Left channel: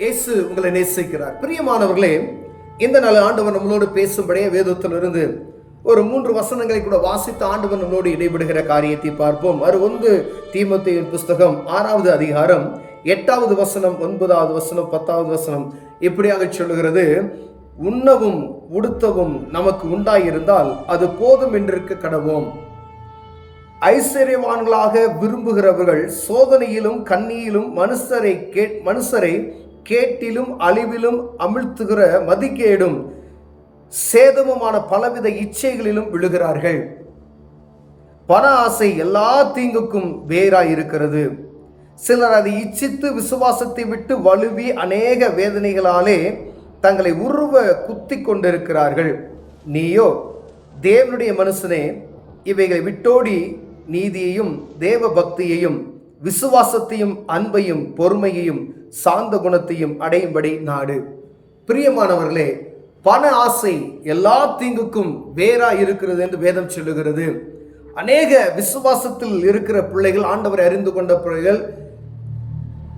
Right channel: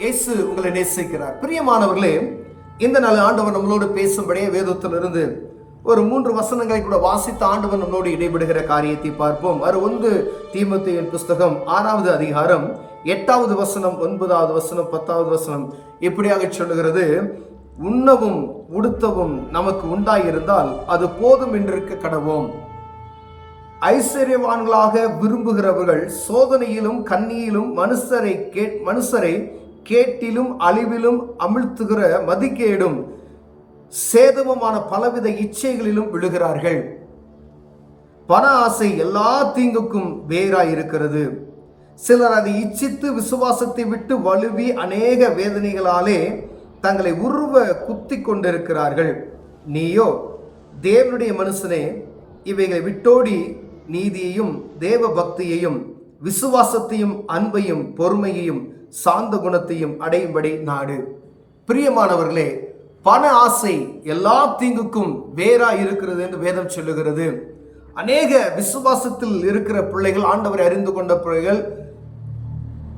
இயேசு உங்களை நேசிக்கிறார். பிரியமானவர்களே, இந்த நாள் ஆண்டவர் நம்மளோடு பேசும்படியே வேதத்திலிருந்து ஒரு 3 வசனங்களை கூட வாசித்து ஆண்டவர் நம்மளோடு இடைபடுகிற காரியத்தை பார்ப்போம். 1 தீமோத்தேயுவின் புஸ்தகம் 6வது அதிகாரம் 8வது வசனம், 9வது வசனம், 10வது வசனம் இப்படியாக சொல்லுகிறது: உண்ணவும் உடுத்தவும் நமக்கு உண்டாயிருந்தால் அது போதும் என்றிருக்க கடவோம். ஐஸ்வர்யவான்களாக விரும்புகிறவர்கள் சோதனையிலும் கண்ணியிலும் மனுஷரை கேட்டிலும் அழிவிலும் அமிழ்த்துகிற மதிக்கேடும் சேதமுமான பலவித இச்சைகளிலும் விழுகிறார்கள். பண ஆசை எல்லா தீங்குக்கும் வேறாய் இருக்கிறது. சிலர் அதை இச்சித்து விசுவாசத்தை விட்டு வலுவி அநேக வேதனைகளாலே தங்களை உருவ குத்தி கொண்டிருக்கிறார்கள். நீயோ தேவனுடைய மனுஷனே, இவைகளை விட்டோடி நீதியையும் தேவ பக்தியையும் விசுவாசத்தையும் அன்பையும் பொறுமையையும் சாந்த குணத்தையும் அடையும்படி நாடு. பிரியமானவர்களே, பண ஆசை எல்லா தீங்குக்கும் வேறா இருக்கிறது என்று வேதம் சொல்லுகிறது. அநேக விசுவாசத்தில் இருக்கிற பிள்ளைகள், ஆண்டவரை அறிந்து கொண்ட பிள்ளைகள்,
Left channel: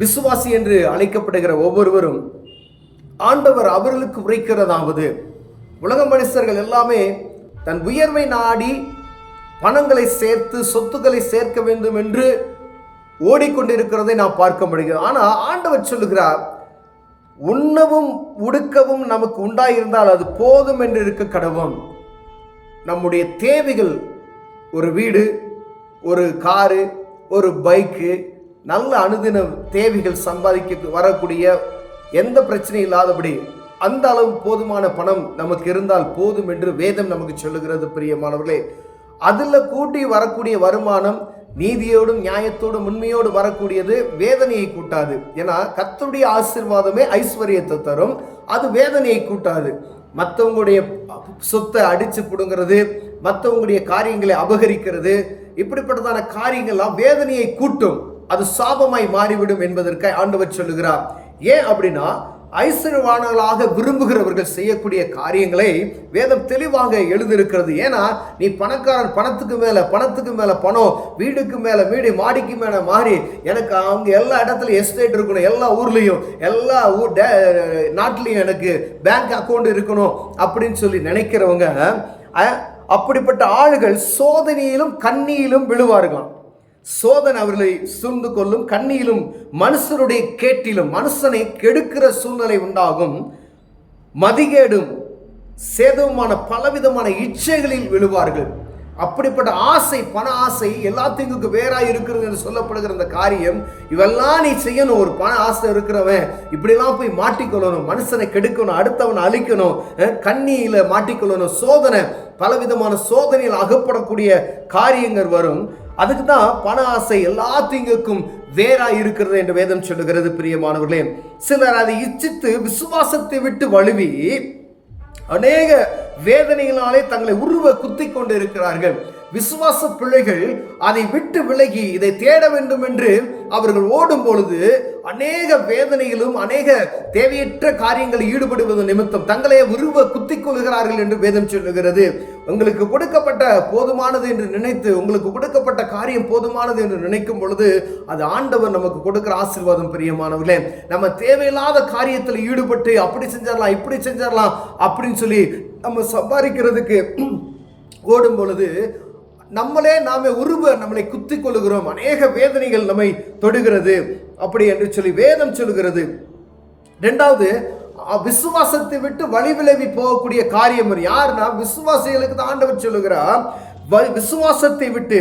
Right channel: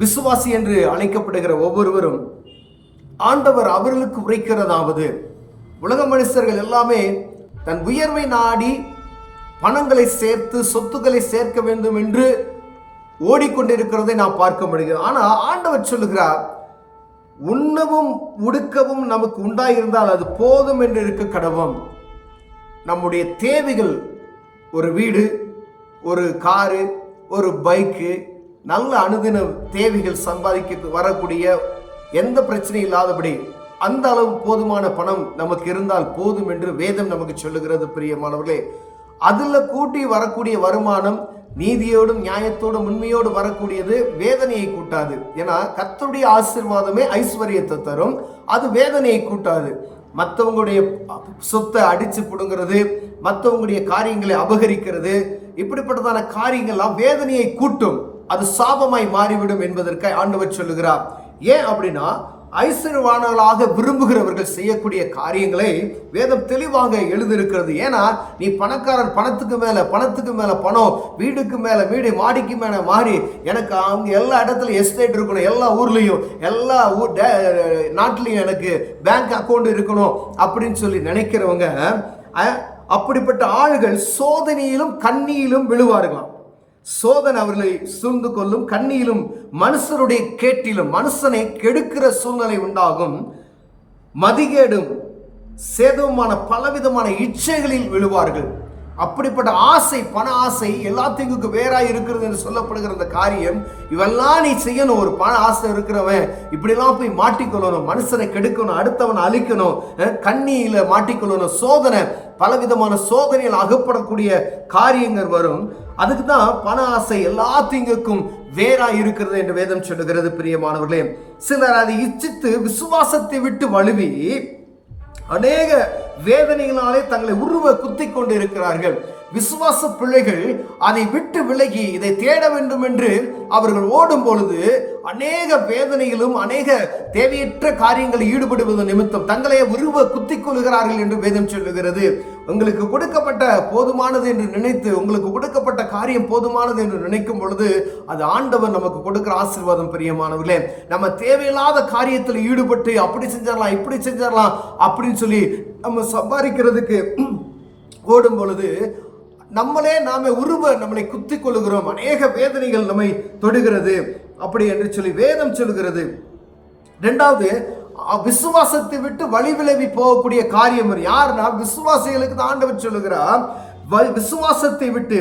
விசுவாசி என்று அழைக்கப்படுகிற ஒவ்வொருவரும் ஆண்டவர் அவர்களுக்கு உரைக்கிறதாவது, உலக மனுஷர்கள் எல்லாமே தன் உயர்வை நாடி பணங்களை சேர்த்து சொத்துக்களை சேர்க்க வேண்டும் என்று ஓடிக்கொண்டிருக்கிறதை நாம் பார்க்க முடிகிறது. ஆனால் ஆண்டவர் சொல்லுகிறார், உண்ணவும் உடுக்கவும் நமக்கு உண்டாயிருந்தால் அது போதும் என்று இருக்க கடவோம். நம்முடைய தேவைகள், ஒரு வீடு, ஒரு காரு, ஒரு பைக்கு, நல்ல அனுதின தேவைகள் சம்பாதிக்க வரக்கூடிய எந்த பிரச்சனையும் இல்லாதபடி அந்த அளவு போதுமான பணம் நமக்கு இருந்தால் போதும் என்று வேதம் நமக்கு சொல்லுகிறது. பிரியமானவர்களே, அதில் கூட்டி வரக்கூடிய வருமானம் நீதியோடும் நியாயத்தோடும் உண்மையோடு வரக்கூடியது வேதனையை கூட்டாது. ஏன்னா கர்த்தருடைய ஆசீர்வாதமே ஐஸ்வர்யத்தை தரும், அது வேதனையை கூட்டாது. மற்றவங்களுடைய சொத்தை அடிச்சு பிடுங்கிறது, மற்றவங்களுடைய காரியங்களை அபகரிக்கிறது, இப்படிப்பட்டதான காரியங்கள்லாம் வேதனையை கூட்டும், அது சாபமாய் மாறிவிடும் என்பதற்கு ஆண்டவர் சொல்லுகிறார். ஏன் அப்படின்னா, ஐஸ்வர்யவான்களாக விரும்புகிறவர்கள் செய்யக்கூடிய காரியங்களை வேதம் தெளிவாக எழுதியிருக்கிறது. ஏன்னா நீ பணக்காரன், பணத்துக்கு மேல பணம், வீடுக்கு மேல வீடு, மாடிக்கு மேல மாறி, எனக்கு அங்கே எல்லா இடத்துலையும் எஸ்டேட் இருக்கணும், எல்லா ஊர்லேயும் எல்லா நாட்டிலையும் எனக்கு பேங்க் அக்கௌண்ட் இருக்கணும் அப்படின்னு சொல்லி நினைக்கிறவங்க, அப்படிப்பட்ட ஆளுகள் சோதனையிலும் கண்ணியிலும் விழுவார்களாம். சோதனை அவர்களை சூழ்ந்து கொள்ளும், கண்ணியிலும் மனுஷருடைய கேட்டிலும் மனுஷனை கெடுக்கிற சூழ்நிலை உண்டாகும். மதிகேடும் சேதவுமான பலவிதமான இச்சைகளில் விழுவார்கள். அப்படிப்பட்ட ஆசை, பண ஆசை எல்லாத்துக்கும் வேறாய் இருக்கிறது என்று சொல்லப்படுகிற அந்த காரியம், இவெல்லாம் நீ செய்யணும். ஒரு பண ஆசை இருக்கிறவன் இப்படிலாம் போய் மாட்டிக்கொள்ளணும், மனுஷனை கெடுக்கணும், அடுத்தவனை அழிக்கணும், கண்ணியில மாட்டிக்கொள்ளணும், சோதனை, பலவிதமான சோதனையில் அகப்படக்கூடிய காரியங்கள் வரும். அதுக்கு தான் பண ஆசை எல்லா தீங்குக்கும் வேறாய் இருக்கிறது என்று வேதம் சொல்லுகிறது. பிரியமானவர்களே, சிலர் அதை இச்சித்து விசுவாசத்தை விட்டு வழுவி அநேக வேதனைகளாலே தங்களை உருவ குத்தி கொண்டு இருக்கிறார்கள். விசுவாச பிள்ளைகள் அதை விட்டு விலகி இதை தேட வேண்டும் என்று அவர்கள் ஓடும் பொழுது அநேக வேதனைகளும் அநேக தேவையற்ற காரியங்களில் ஈடுபடுவது நிமித்தம் தங்களை உருவ குத்திக் கொள்கிறார்கள் என்று வேதம் சொல்லுகிறது. உங்களுக்கு கொடுக்கப்பட்ட போதுமானது என்று நினைத்து, உங்களுக்கு கொடுக்கப்பட்ட காரியம் போதுமானது என்று நினைக்கும் பொழுது அது ஆண்டவர் நமக்கு கொடுக்கிற ஆசீர்வாதம். பிரியமானவர்களே, நம்ம தேவையில்லாத காரியத்தில் ஈடுபட்டு அப்படி செஞ்சிடலாம், இப்படி செஞ்சிடலாம் அப்படின்னு சொல்லி நம்ம சம்பாதிக்கிறதுக்கு ஓடும் பொழுது நாமே நம்மளை குத்தி கொள்ளுகிறோம். அநேக வேதனைகள் நம்மை தொடுகிறது அப்படி என்று சொல்லி வேதம் சொல்லுகிறது. 2வது, விசுவாசத்தை விட்டு வழி விலகி போகக்கூடிய காரியம் யாருன்னா விசுவாசிகளுக்கு தான் ஆண்டவர் சொல்லுகிறார். விசுவாசத்தை விட்டு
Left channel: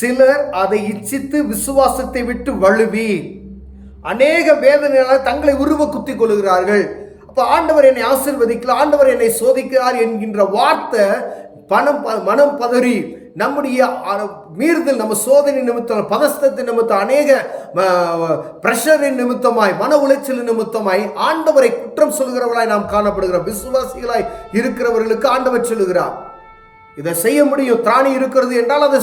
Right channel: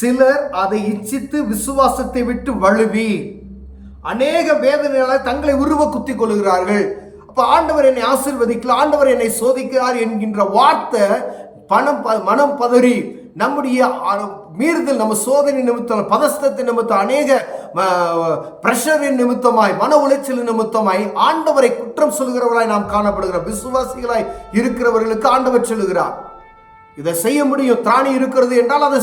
சிலர் அதை இச்சித்து விசுவாசத்தை விட்டு வழுவி அநேக வேதனைகளால் தங்களை உருவ குத்தி கொள்ளுகிறார்கள். அப்ப ஆண்டவர் என்னை ஆசீர்வதிக்கல, ஆண்டவர் என்னை சோதிக்கிறார் என்கின்ற வார்த்தை மனம் பதறி நம்முடைய மீறுதல், நம்ம சோதனை நிமித்தம், பதஸ்தத்தின் நிமித்தம், அநேக பிரஷரின் நிமித்தமாய், மன உளைச்சலின் நிமித்தமாய் ஆண்டவரை குற்றம் சொல்கிறவர்களாய் நாம் காணப்படுகிறோம். விசுவாசிகளாய் இருக்கிறவர்களுக்கு ஆண்டவர் சொல்லுகிறார், இதை செய்ய முடியும், திராணி இருக்கிறது என்றால் அதை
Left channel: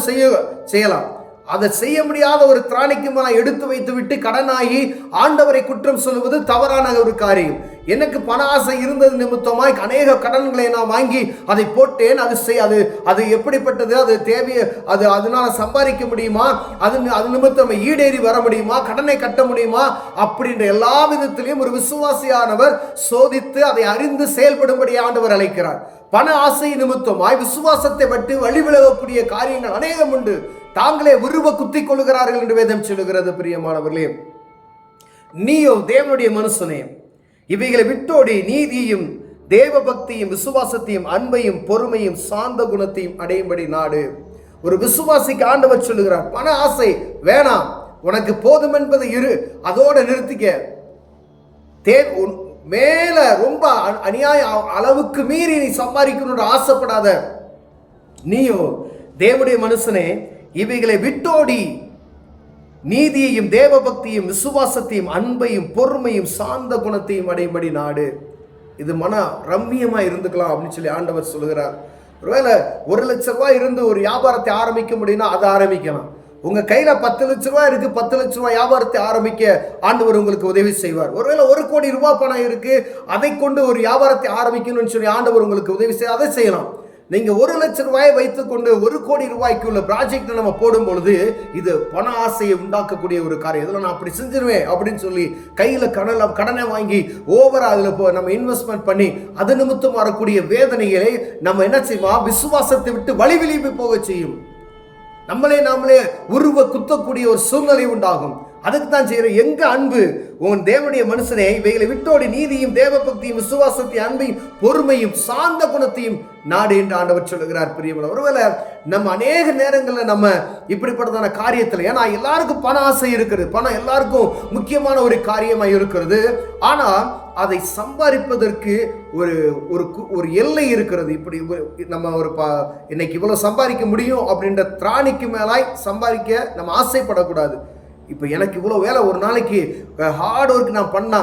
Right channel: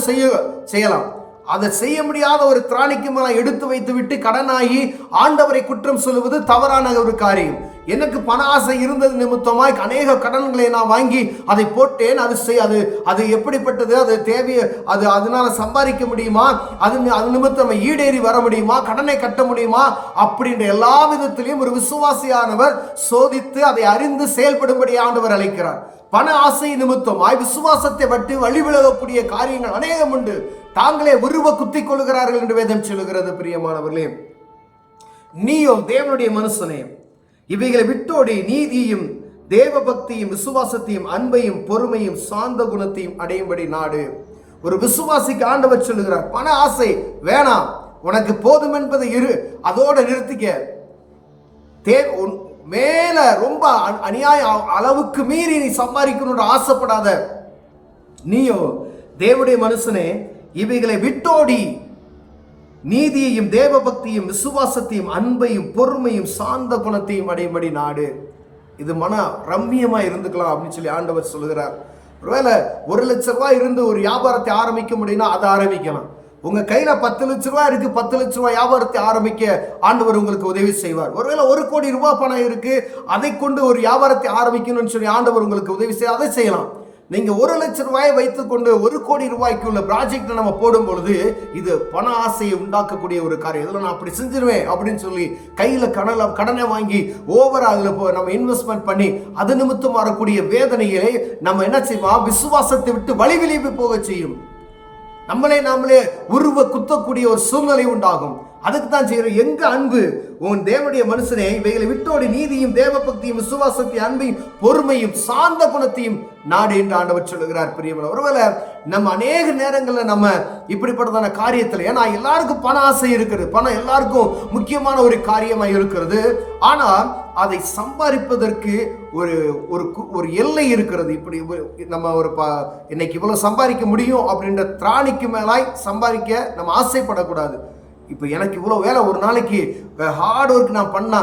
செய்யலாம். அதை செய்ய முடியாத ஒரு திராணிக்கு மேல எடுத்து வைத்து விட்டு கடனாகி ஆண்டவரை குற்றம் சொல்லுவது தவறான ஒரு காரியம். எனக்கு பண ஆசை இருந்தது நிமித்தமாய் அநேக கடன்களை நான் வாங்கி அதை போட்டேன். அது எப்படிப்பட்டது? அது தேவையை அதனால சம்பாதிக்க முடியுமா? அது நிமித்தம் ஈடேறி வர முடியுமா? கடனை கட்ட முடியுமா? அப்படின்ற எல்லா விதத்திலையும் ஒரு விசுவாசியானவர் சோதித்து அதை அறிந்து செயல்படும்படி ஆண்டவர் அழைக்கிறார். பண ஆசை நிமித்தமாய் விசுவாசத்தை விட்டு வழிவிலகக்கூடிய காரியங்கள் அநேகம் உண்டு. தாங்களே உருவ குத்திக் கொள்கிறார்கள் என்று வேதம் சொல்லுகிறது. பிரியமானவர்களே, நீயோ தேவனுடைய மனுஷனே, இவைகளை விட்டோடி நீதியும் தேவ பக்தியும் விசுவாசத்தையும் அன்பையும் பொறுமையும் சாந்த குணத்தையும் அடையும்படி நாடு. ஒரு விசுவாசிக்கு ஆண்டவர் சொல்லுகிறார், பண ஆசை வேணாம், உனக்கு போதும் என்பதை அதோட நிறுத்திக்க. மேல ரொம்ப அநியாய அளவுக்கு மீறி நீ சம்பாதிக்கணும்னு ஆசைப்படாத. நீயோ தேவனுடைய மனுஷனே, இவைகளை விட்டோடி நீதியையும் தேவ பக்தியும் விசுவாசத்தையும் அன்பையும் பொறுமையும் சாந்த குணத்தையும் அடையும்படி நாடு. இது மன ரம்மியமா இருந்துக்கலாம் அப்படின்னு சொல்லி ஆண்டவர் சொல்லுகிறார். ஒருவேளை 1 லட்சம் ரூபாய் இருந்து ஒரு வியாபாரத்தை ஆரம்பிக்க முடியும்னா அதை ஆரம்பிக்கலாம். உங்க கையில 10 லட்சம் ரூபாய் இருக்கு, 10 லட்சம் ரூபாய் வியாபாரத்தை ஆரம்பிக்க ஆண்டவர் உங்களுக்கு உதவி செய்வார். ஒருவேளை 1 கோடி ரூபாய் பணம் இருக்கு, அதை கொண்டு ஒரு வியாபாரத்தை ஆரம்பிக்கணும்னு சொல்லி ஆண்டவர் உங்களுக்கு உதவி செய்ய அதை செய்யலாம். நீங்க 1 லட்சம் ரூபாயை வைத்துக் கொண்டு 1 கோடி ரூபாய்க்கு உள்ள ப்ராஜெக்ட் நம்ம போடும் பொழுது இது பண ஆசையை உண்டாக்கக்கூடிய ஒரு காரியம். இதில் நான் அப்படி செஞ்சிருவேன் அப்படின்னு சொல்லி கையில கடனை வாங்கி ஓவரா அதுல நம்ம இன்வெஸ்ட்மெண்ட் பண்ணி அது நிமித்தம் வரக்கூடிய வேதனைகளை நம்ம என்ன செய்வோம்? விசுவாசத்தை விட்டு வழிவிழிப்பு போக செய்யும். நாமளே உருவ குத்தக்கூடிய ஒரு சூழ்நிலை உண்டாகும். அதுக்கு தான் செய்யறோம். எங்க அன்பு? உன் தேவனுடைய மனுஷனே, இவைகளை விட்டோடு நீதியும் தேவ பக்தியும் விசுவாசத்தையும் அன்பையும் பொறுமையும் சாந்த குணத்தையும் நாடு என்று ஆண்டவர் சொல்லுகிறார். பிரியமான, ஒருவேளை நம்ம அநேக நேரங்களில் நம்ம இப்படிப்பட்டதான காரியத்தில், ஏன்னா எல்லாருக்கும் பண ஆசை இருக்கிறது, பணம் எல்லாருக்கும் முக்கியமான ஒரு காரியமாக இருக்கிறது. ஆனால் அதை சம்பாதிப்பதற்கு ஒரு எல்லை இருக்கிறது. இப்படி நம்ம இன்னைக்கு இவ்வளவு சம்பாதிக்க முடியும் அப்படின்ற திராணிக்கு மேலாய் சம்பாதிக்க நம்ம ஆசைப்படக்கூடாது. இப்போ எனக்கு இவ்வளோ வேலை, ஒரு நாளைக்கு ஹார்ட் ஒர்க் நான் பண்ணா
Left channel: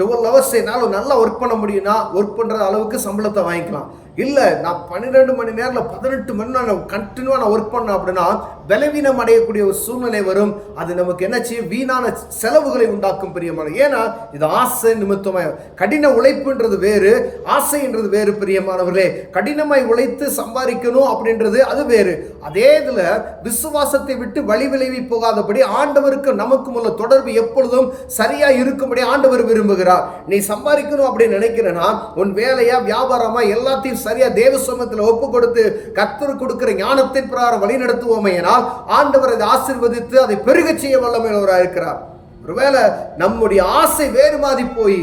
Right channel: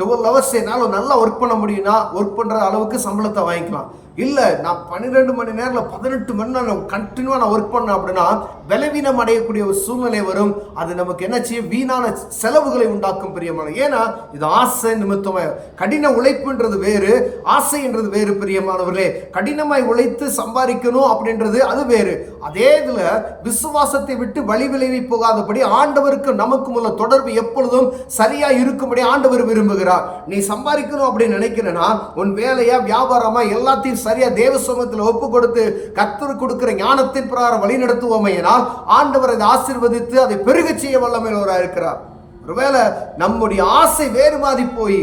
12 ஹவர்ஸ் என்னால் நல்லா ஒர்க் பண்ண முடியும்னா ஒர்க் பண்ணுற அளவுக்கு சம்பளத்தை வாங்கிக்கலாம். இல்லை, நான் 12 மணி நேரத்தில் 18 மணி நேரம் கண்டினியூவாக நான் ஒர்க் பண்ணேன் அப்படின்னா பலவீனம் அடையக்கூடிய ஒரு சூழ்நிலை வரும். அது நமக்கு என்ன செய்யும்? வீணான செலவுகளை உண்டாக்கும். பிரியமான, ஏன்னா இது ஆசை நிமித்தமாக. கடின உழைப்புன்றது வேறு, ஆசைன்றது வேறு. பிரியமானவர்களே, கடினமாய் உழைத்து சம்பாதிக்கணும் அப்படின்றது அது வேறு. அதே இதில் விசுவாசத்தை விட்டு வழி விளைவி போகாதபடி ஆண்டவருக்கு நமக்கும் உள்ள தொடர்பு எப்பொழுதும் சரியா இருக்கும்படி ஆண்டவர் விரும்புகிறார். நீ சம்பாதிக்கணும் அப்படின்னு நினைக்கிறேன்னா உன் வேலையா வியாபாரமா எல்லாத்தையும் சரியா தேவ சமூகத்தில் ஒப்பு கொடுத்து கர்த்தர் கொடுக்கிற ஞானத்தின் பிரகாரம் வழி நடத்துவோமையினால் ஆண்டவர் அதை ஆசீர்வதித்து அதை பெருக செய்ய வல்லமையுள்ளவராக இருக்கிறார். ஒருவேளை நம்முடைய ஆசை வேறு மாதிரி போய்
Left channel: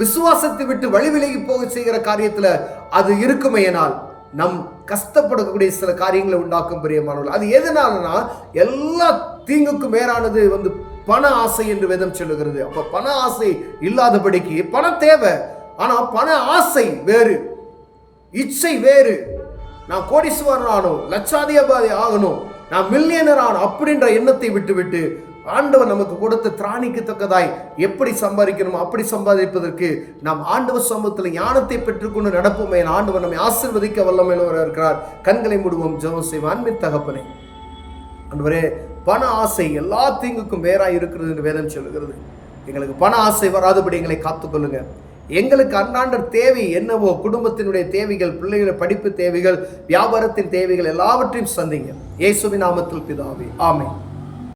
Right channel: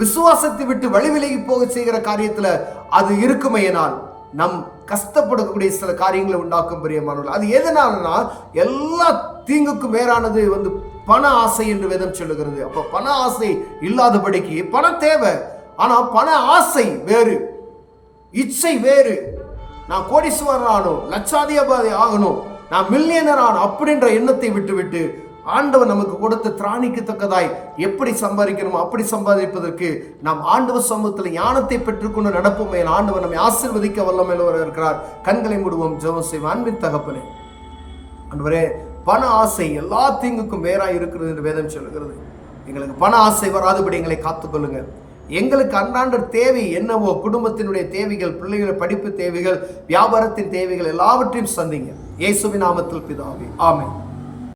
விசுவாசத்தை விட்டு வழி விலகி போக செய்கிற காரியத்தில் அது இருக்குமையினால் நம் கஷ்டப்படக்கூடிய சில காரியங்களை உண்டாக்கும். பிரியமானவர்கள், அது எதனாலனா எல்லா தீங்குக்கும் மேலானது பண ஆசை என்று வேதம் சொல்லுகிறது. அப்ப பண ஆசை இல்லாதபடிக்கு பணம் தேவை, ஆனா பண ஆசை வேறு, இச்சை வேறு. நான் கோடீஸ்வரன் ஆகணும், லட்சாதிபதி ஆகணும், நான் மில்லியனர் ஆகணும் அப்படின்ற எண்ணத்தை விட்டு ஆண்டவர் நமக்கு கொடுத்த திராணிக்கு தக்கதாய் எப்படி சம்பாதிக்கணுமோ அப்படி சம்பாதிப்பதற்கு நாம் ஆண்டவர் சமூகத்தில் ஞானத்தை பெற்றுக்கொண்டு நடப்போமே. ஆண்டவர் நம்மை ஆசீர்வதிக்க வல்லமையுள்ளவராக இருக்கிறார். கண்களை மூடுவோம், ஜெபம் செய்வோம். அன்பின் தகப்பனே, ஆண்டவரே, பண ஆசை எல்லா தீங்குக்கும் வேறாய் இருக்கிறது என்று வேதம் சொல்லுகிறது. எங்களுக்கு பண ஆசை வராதபடி எங்களை காத்துக்கொள்ளுங்க. எங்களுக்கு அன்றாட தேவை என்னவோ, குடும்பத்தினுடைய தேவைகள், பிள்ளைகள் படிப்பு தேவைகள், வியாபாரத்தின் தேவைகள் எல்லாவற்றையும் சந்திங்க. இயேசுவின் நாமத்தில் பிதாவே, ஆமென்.